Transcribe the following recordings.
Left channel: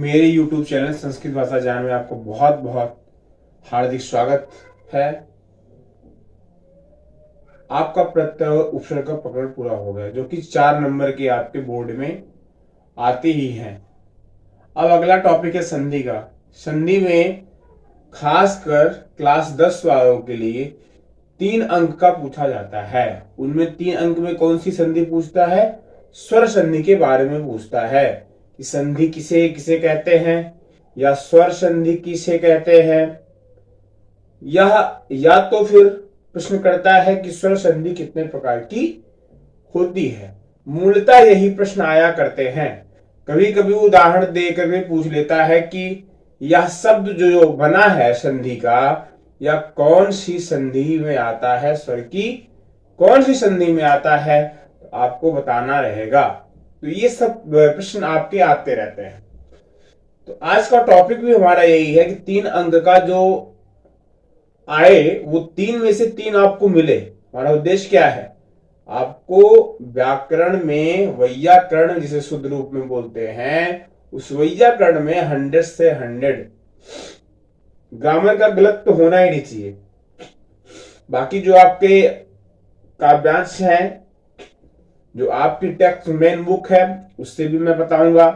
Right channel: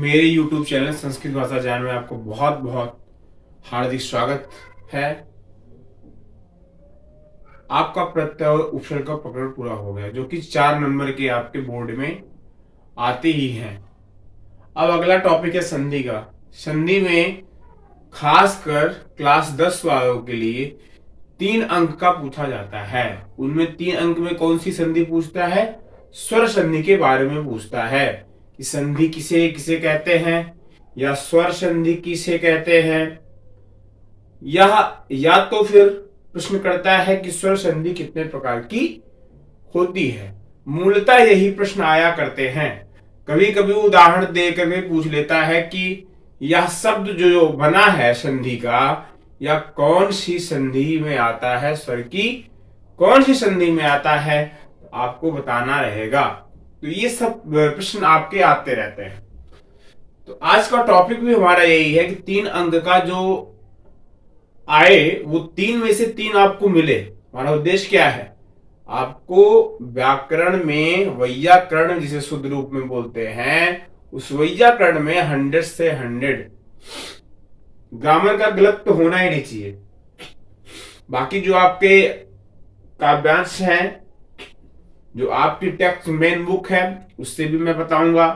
मेरे YouTube channel Sanskrit भाषा ज्ञान में आपको बहुत बहुत हार्दिक स्वागत है। आपका प्रत्यय उपसर्ग का प्रकरण पूरा हो गया, जो कि 4 नंबर के आपके बोर्ड में आते ही हैं। अब अगला टॉपिक है संधि का। संधि में खासकर क्लास 10 वालों के लिए 3 अंक का पूछा जाता है। उनमें 3 अंक में कौन सी संधि पूछता है? स्वर संधि के बारे में पूछता है कि संधि किसे किसे कहते हैं, या स्वर संधि किसे कहते हैं। यह या तो फिर प्रश्न करता है कि स्वर संधि कितने प्रकार की होती है। मूलतः यही प्रश्न आया करते हैं। कभी कभी उदाहरण देकर भी पूछ लेता है कि यह शब्द जो बना है संधि का, या कौन सी संधि में आता है, स्वर की कौन सी संधि में आता है, तो आपको बताना रहेगा। तो ये सब प्रश्न आपके आते रहते हैं। तो आज का टॉपिक भी हमारा यही है कि 3 अंक का जो आए वो 3 में से 3 आपको मिले। हमारा उद्देश्य क्या है? आपको व्याकरण में वैयाकरण जिसे शुद्ध रूप में बोलते हैं, उस वैयाकरण में 100 से 100 ग्रामर का गलत तो होना ही नहीं चाहिए। बाकी जो आपके काव्यांश हैं, जो आपकी टेक्स्ट मेन बुक है, उससे भी मैं बताऊंगा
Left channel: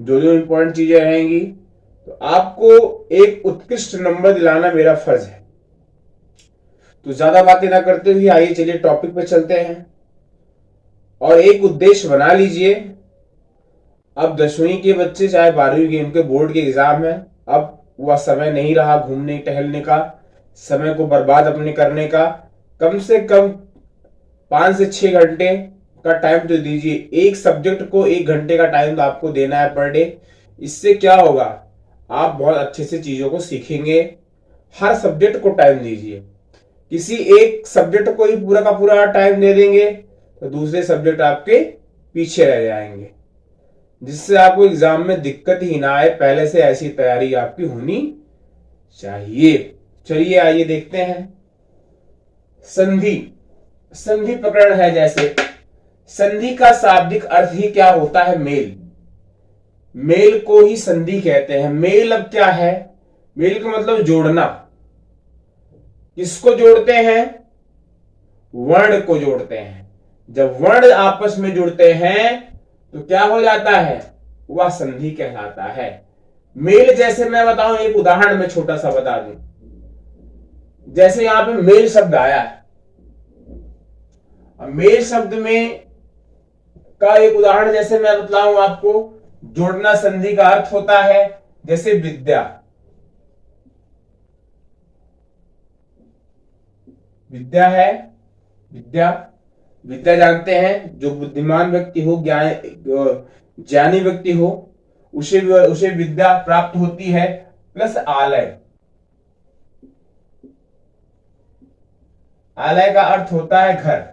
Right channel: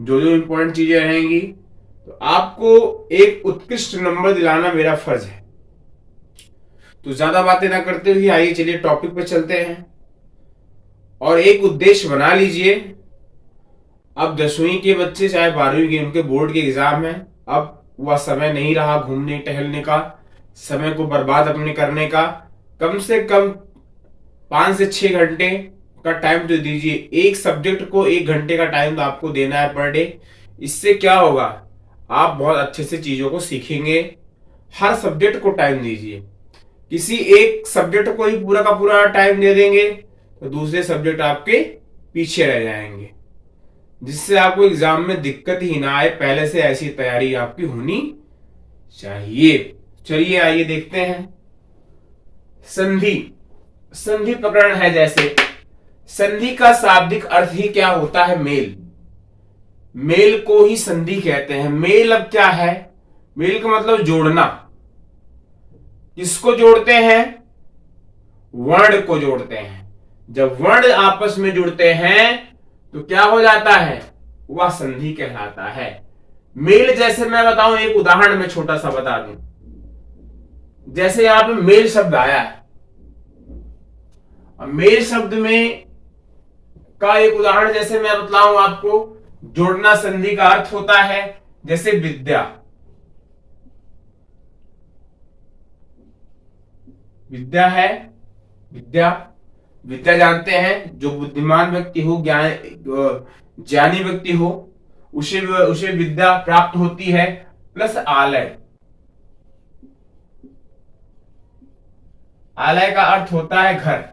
जो जो इंपॉर्टेंट चीजें रहेंगी। तो आपको एक उत्कृष्ट नंबर दिलाना मेरा फर्ज है। तो ज्यादा बातें ना करते हुए आइए चलिए टॉपिक पे चलते हैं। और एक उद्देश्य बना लीजिए, अब 10वीं के बच्चे चाहे 12वीं के, उनके बोर्ड के एग्जाम है। अब वह समय नहीं रहा घूमने टहलने का, समय को बर्बाद अपने करने का। कम से कम 5 से 6 घंटे का टाइम तो दीजिए। एक सब्जेक्ट को 1 घंटे का टाइम तो आपको देना है पर डे। इससे क्या होगा? आप बहुत अच्छे से चीजों को सीखेंगे। हर सब्जेक्ट को टाइम दीजिए। किसी एक सब्जेक्ट को ही पूरा का पूरा टाइम दे देंगे तो दूसरे सब्जेक्ट आपके पीछे रह जाएंगे, जिससे आपको एग्जाम में दिक्कत ही ना आए। पहले से ऐसी तैयारी आपकी होनी चाहिए। चलिए आइए देखते हैं। संधि संधि प्रकरण है। जैसे संधि का शाब्दिक अर्थ ही क्या होता है? मेल। मेल को ही संधि कहते हैं। मेल अब क्या है? मेल का मतलब जोड़ना। किसको जोड़ते हैं? वर्ण को जोड़ते हैं। जब वर्ण आपस में जुड़ते हैं तो क्या हो जाता है? वह संधि कहलाता है। मेल जैसे मैं बताऊं, एक उदाहरण में छोटा सा बता दूं। जैसे यहां पे मेल शब्द आया है, मेल शब्द में का एक उदाहरण जैसे मैं बतलाऊं आपको, जोड़ना संधि का अर्थ होता है। जैसे विद्या, विद्या है, विद्या विद्या जानते हैं, जो बुद्धिमान व्यक्ति हो, ज्ञानी व्यक्ति हो, उसे विद्या प्राप्त होती है। प्लस आलय, आलय का अर्थ होता है घर।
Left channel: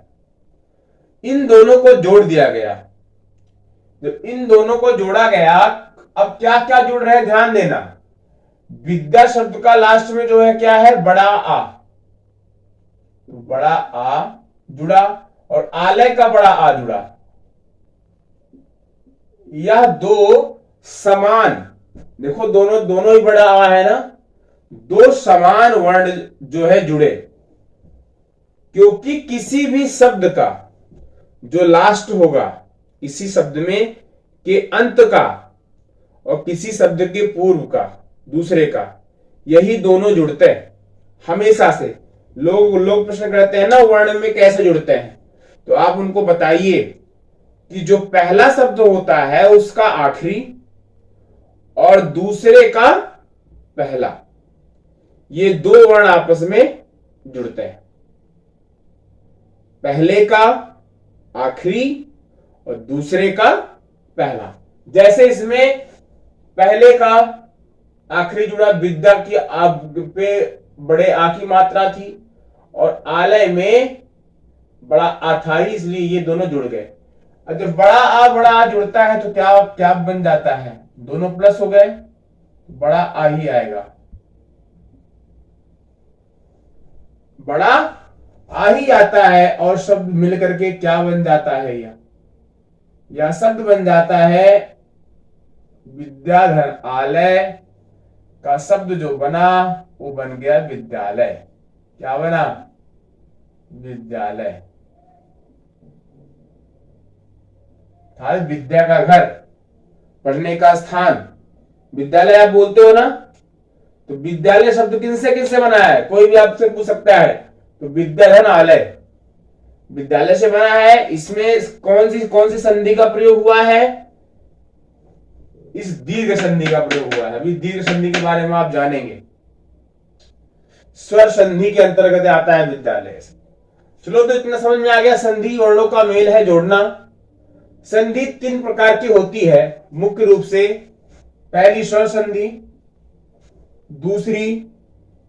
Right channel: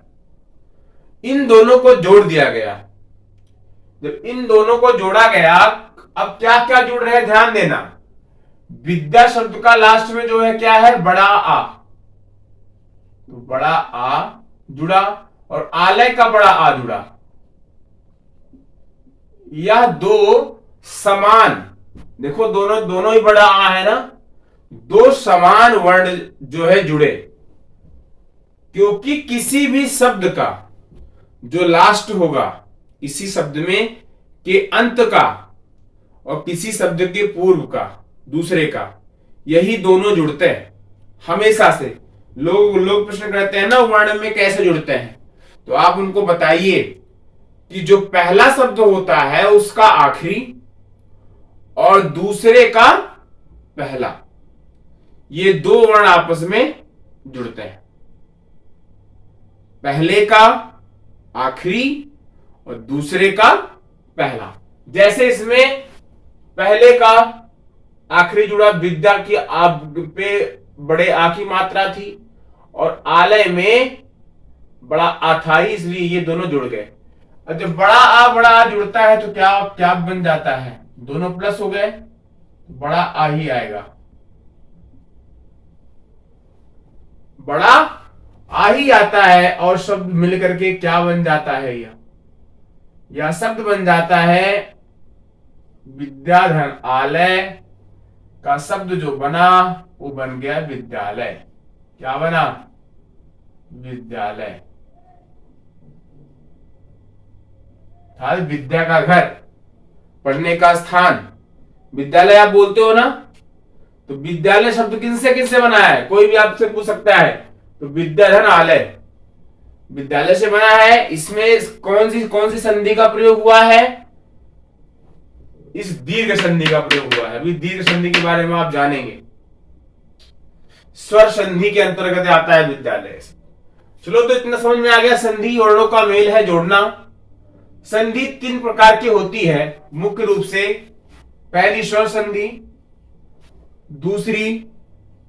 इन दोनों को जोड़ दिया गया। जब इन दोनों को जोड़ा गया, अब क्या क्या जुड़ रहे हैं ध्यान देना। विद्या शब्द का लास्ट में जो है क्या है? बड़ा आ। तो बड़ा आ जुड़ा और आलय का बड़ा आ जुड़ा। यह दो समान, देखो दोनों दोनों ही बड़ा आ है ना, दो समान वर्ण जो है जुड़े। क्योंकि किसी भी शब्द का जो लास्ट होगा, किसी शब्द में के अंत का और किसी शब्द के पूर्व का, दूसरे का, यही दोनों जुड़ते हैं हमेशा से। लोग प्रश्न करते हैं ना, वर्ण में कैसे जुड़ते हैं? तो आप उनको बताइए कि जो पहला शब्द होता है उसका आखिरी और दूसरे का पहला, ये दो वर्ण आपस में जुड़ते हैं। पहले का आखिरी और दूसरे का पहला। जैसे इसमें पहले का आखिरी जुड़ा, विद्या की आप पे बड़े आ की मात्रा थी और आलय में बड़ा आ था, इसलिए ये दोनों जुड़ गए। और जब बड़ा आ जुड़ता है तो क्या क्या बन जाता है? दोनों प्लस हो गए, बड़ा आ ही आएगा। बड़ा आ ही आता है और शब्द मिलकर के क्या बन जाता है? यह शब्द बन जाता है विद्याधन, आलय का शब्द जो बना वो बन गया विद्यालय। क्या बना? विद्यालय। था विद्या का घर, पढ़ने का स्थान, विद्यालय आप बोलते हो ना, तो विद्यालय शब्द किनसे किनसे बना है? कोई भी आपसे पूछ सकता है। तो विद्याधन आलय विद्यालय से बना है। इसमें कौन सी संधि का प्रयोग हुआ है? इस दीर्घ संधि का प्रयोग हुआ है। अभी दीर्घ संधि के बारे में आप जानेंगे। स्वर संधि के अंतर्गत आता है विद्यालय। चलो, तो इतना समझ में आ गया। संधि वर्णों का मेल है, जोड़ना। संधि 3 प्रकार की होती है मुख्य रूप से। पहली स्वर संधि, दूसरी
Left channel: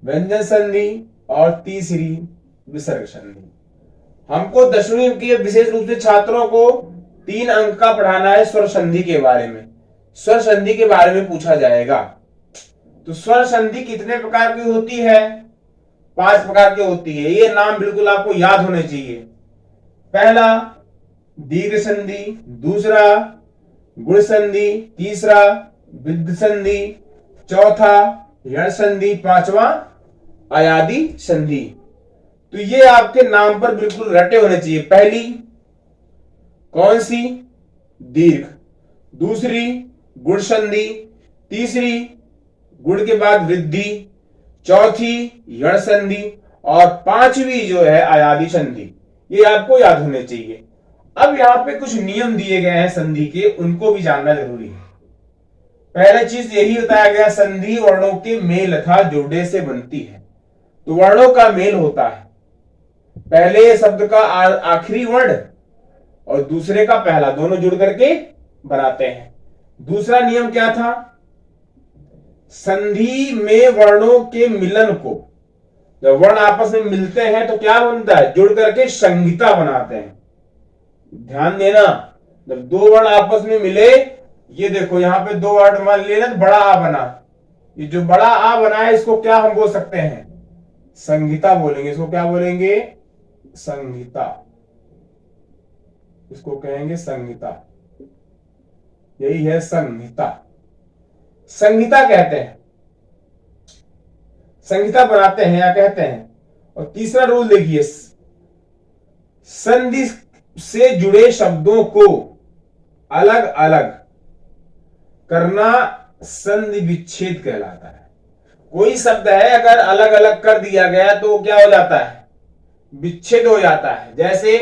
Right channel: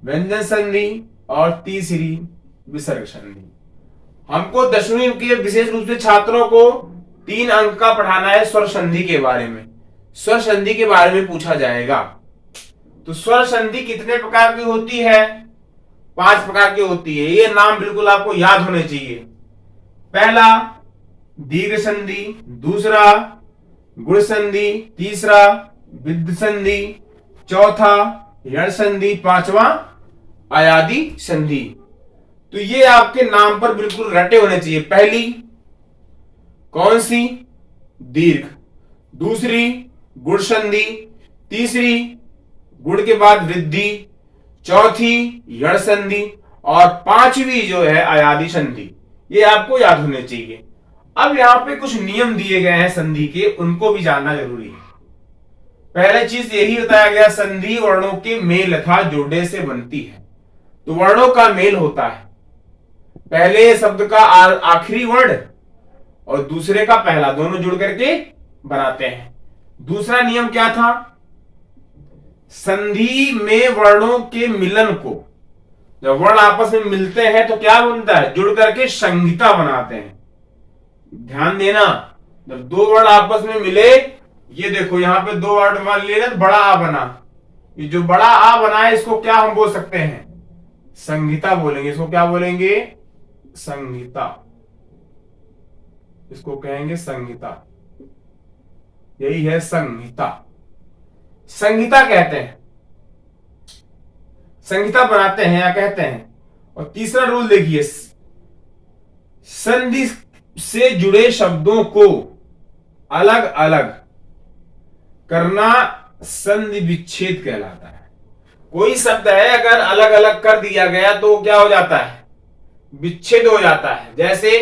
व्यंजन संधि और तीसरी विसर्ग संधि। हमको 10वीं के विशेष रूप से छात्रों को 3 अंक का पढ़ाना है स्वर संधि के बारे में। स्वर संधि के बारे में पूछा जाएगा। तो स्वर संधि कितने प्रकार की होती है? 5 प्रकार की होती है। ये नाम बिल्कुल आपको याद होने चाहिए। पहला दीर्घ संधि, दूसरा गुण संधि, तीसरा विद्ध संधि, चौथा यण संधि, पांचवा अयादि संधि। तो ये आपके नाम पर बिल्कुल रटे होने चाहिए। पहली कौन सी? दीर्घ। दूसरी गुण संधि, तीसरी गुण के बाद वृद्धि, चौथी यण संधि और पांचवी जो है अयादि संधि। ये आपको याद होने चाहिए। अब यहां पे कुछ नियम दिए गए हैं संधि के, उनको भी जानना जरूरी है। पहले चीज यही बताया गया, संधि वर्णों के मेल तथा जोड़े से बनती है। तो वर्णों का मेल होता है। पहले शब्द का आखिरी वर्ण और दूसरे का पहला, दोनों जुड़ करके बनाते हैं। दूसरा नियम क्या था? संधि में वर्णों के मिलन को, जब वर्ण आपस में मिलते हैं तो क्या बनता है? जुड़ करके संहिता बनाते हैं। ध्यान देना, जब 2 वर्ण आपस में मिले, ये देखो यहां पे 2 वर्ण मान लेना, बड़ा आ बना। ये जो बड़ा आ बना है इसको क्या हम बोल सकते हैं? संहिता बोलेंगे। इसको क्या बोलेंगे? संहिता। इसको कहेंगे संहिता। यही है संहिता। संहिता कहते हैं, संहिता बनाते हैं या कहते हैं। और तीसरा रूल देखिए, संधि से जुड़े शब्दों को अलग अलग करना संधि विच्छेद कहलाता है। कोई शब्द है अगर अलग अलग कर दिया गया तो क्या हो जाता है? विच्छेद हो जाता है। जैसे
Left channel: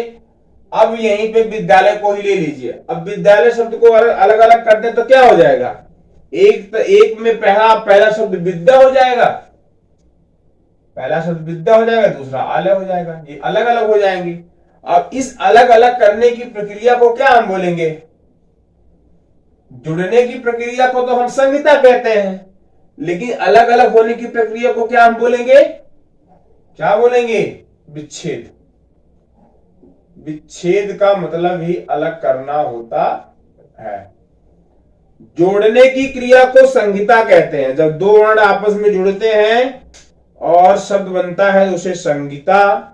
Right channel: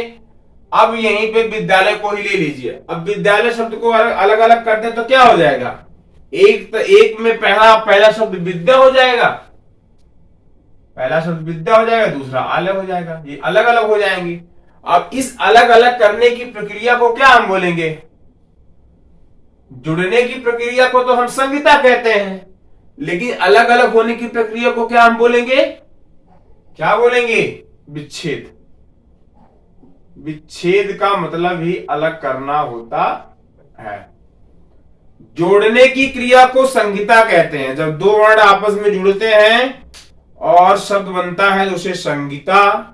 अब यहीं पे विद्यालय को ही ले लीजिए। अब विद्यालय शब्द को अलग अलग कर दे तो क्या हो जाएगा? एक में पहला शब्द विद्या हो जाएगा, पहला शब्द विद्या हो जाएगा, दूसरा आलय हो जाएगा। ये अलग अलग हो जाएंगे। अब इस अलग अलग करने की प्रक्रिया को क्या हम बोलेंगे? जुड़ने की प्रक्रिया को तो हम संहिता कहते हैं, लेकिन अलग अलग होने की प्रक्रिया को क्या हम बोलेंगे? क्या बोलेंगे? विच्छेद। विच्छेद का मतलब ही अलग करना होता है। जोड़ने की क्रिया को संहिता कहते हैं। जब 2 वर्ण आपस में जुड़ते हैं और शब्द बनता है तो उसे संहिता।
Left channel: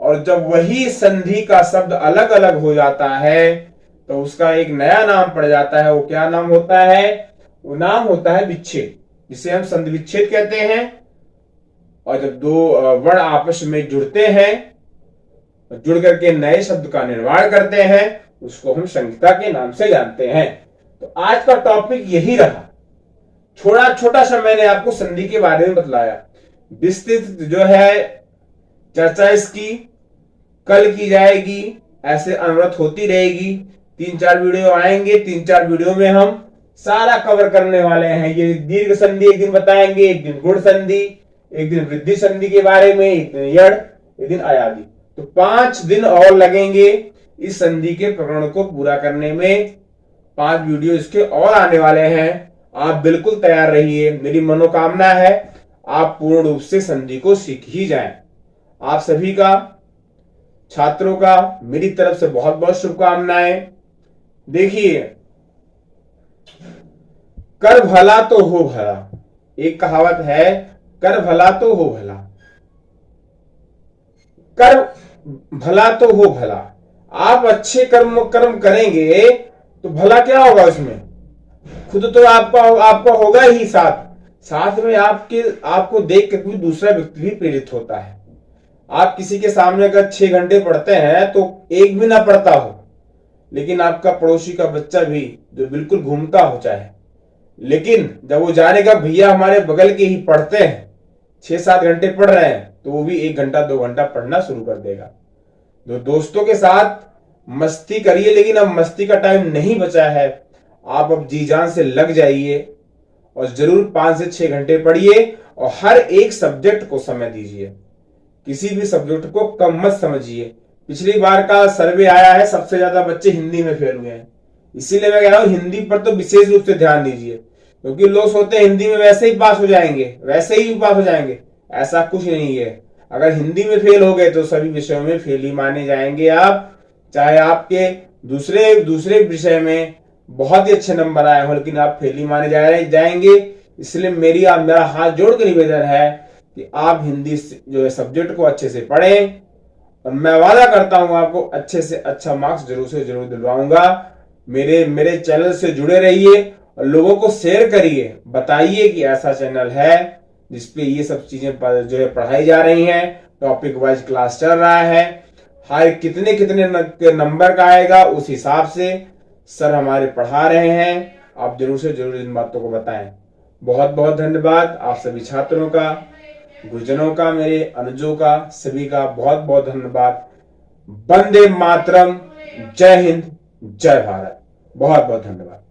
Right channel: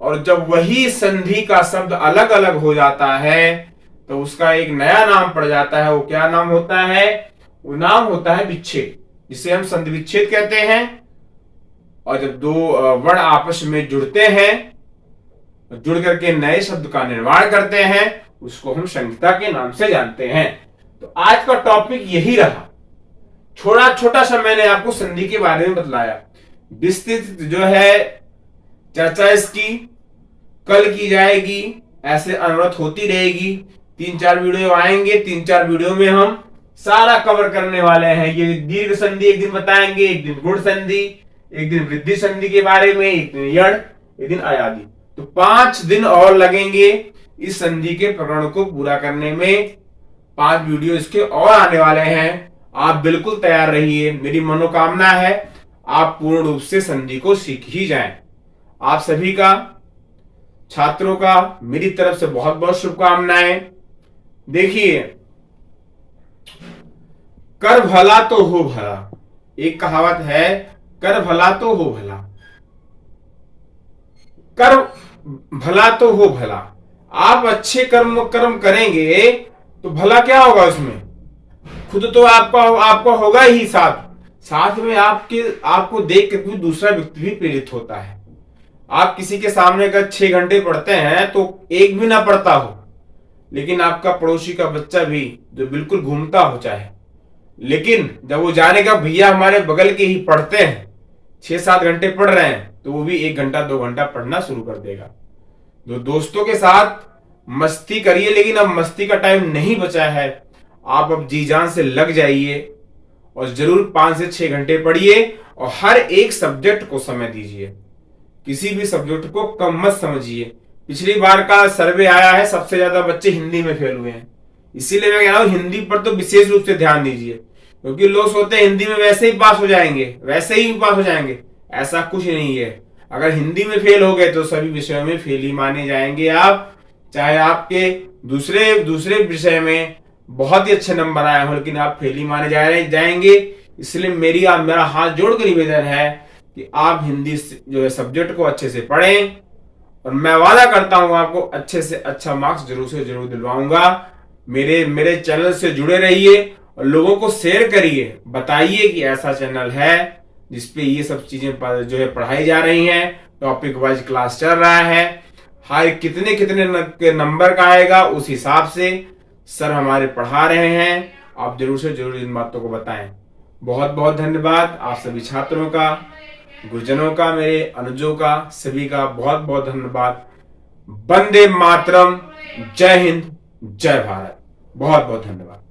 और जब वही संधि का शब्द अलग अलग हो जाता है तो उसका एक नया नाम पड़ जाता है। वो क्या नाम होता है? वो नाम होता है विच्छेद, जिसे हम संधि विच्छेद कहते हैं। और जब 2 वर्ण आपस में जुड़ते हैं, जुड़ करके नए शब्द का निर्माण करते हैं, उसको हम संहिता के नाम से जानते हैं। तो आज का टॉपिक यही रहा। छोटा सा मैंने आपको संधि के बारे में बतलाया। विस्तृत जो है चर्चा इसकी कल की जाएगी। ऐसे अनुरोध होती रहेगी। 3-4 वीडियो आएंगे। 3-4 वीडियो में हम सारा कवर करने वाले हैं। ये दीर्घ संधि एक दिन बताएंगे, एक दिन गुण संधि, एक दिन वृद्धि संधि के बारे में, एक दिन यण, एक दिन अयादि। तो 5 दिन और लगेंगे इस संधि के प्रकरण को पूरा करने में। 5 वीडियो इसके और आने वाले हैं। आप बिल्कुल तैयार रहिए। मेरी मनोकामना है आप पूर्ण रूप से संधि को सीख ही जाएं। आप सभी का, छात्रों का मेरी तरफ से बहुत बहुत शुभकामनाएं। देखिए, कर भला तो हो भला, एक कहावत है, कर भला तो हो भला। कर भला तो हो भला। आप अच्छे कर्म करेंगे तो भला क्या होगा उसमें? खुद तो आपका होगा ही, साथ में आपको देख कर भी दूसरा व्यक्ति भी प्रेरित होता है। आप किसी के सामने अगर 6 घंटे पढ़ते हैं तो एक भी ना पढ़ता हो, लेकिन आपका पड़ोसी का बच्चा भी जो बिल्कुल घूमता हो चाहे, लेकिन जब वो जानेगा भैया हमारे बगल के ही पढ़ते हैं, 6-7 घंटे पढ़ रहे हैं, तो वो भी 1 घंटा 2 घंटा पढ़ना शुरू कर देगा। तो दोस्तों के साथ मस्ती करिए, लेकिन अब मस्ती का टाइम नहीं बचा है। आप अब जी जान से लग जाइए और जरूर 5 से 6 घंटे पढ़िए और हर एक सब्जेक्ट को समय दीजिए। किसी भी सब्जेक्ट को कम मत समझिए। पिछली बार का सर्वे आया है, सबसे ज्यादा बच्चे हिंदी में फेल हुए हैं। इसीलिए मैं कह रहा हूं हिंदी पर तो विशेष रूप से ध्यान दीजिए, क्योंकि लोग सोचते हैं हिंदी में वैसे ही पास हो जाएंगे, वैसे ही पास हो जाएंगे। ऐसा कुछ नहीं है। अगर हिंदी में फेल हो गए तो सभी विषयों में फेल ही माने जाएंगे आप, चाहे आपके दूसरे विषय में बहुत ही अच्छे नंबर आए हो, लेकिन आप फेल ही माने जाएंगे। इसलिए मेरा हाथ जोड़ कर निवेदन है कि आप हिंदी जो है सब्जेक्ट को अच्छे से पढ़ें, और मैं वादा करता हूं आपको अच्छे से अच्छा मार्क्स जरूर से जरूर दिलवाऊंगा। मेरे चैनल से जुड़े रहिए और लोगों को शेयर करिए, बताइए कि ऐसा चैनल है जिसपे ये सब चीजें जो है पढ़ाई जा रही हैं, टॉपिक वाइज क्लास चल रहा है। हाई कितने नंबर का आएगा उस हिसाब से सर हमारे पढ़ा रहे हैं। आप जरूर से जरूर इन बातों को बताएं। बहुत बहुत धन्यवाद आप सभी छात्रों का, गुरुजनों का, मेरे अनुजों का, सभी का बहुत बहुत धन्यवाद। वंदे मातरम, जय हिंद, जय भारत। बहुत बहुत धन्यवाद।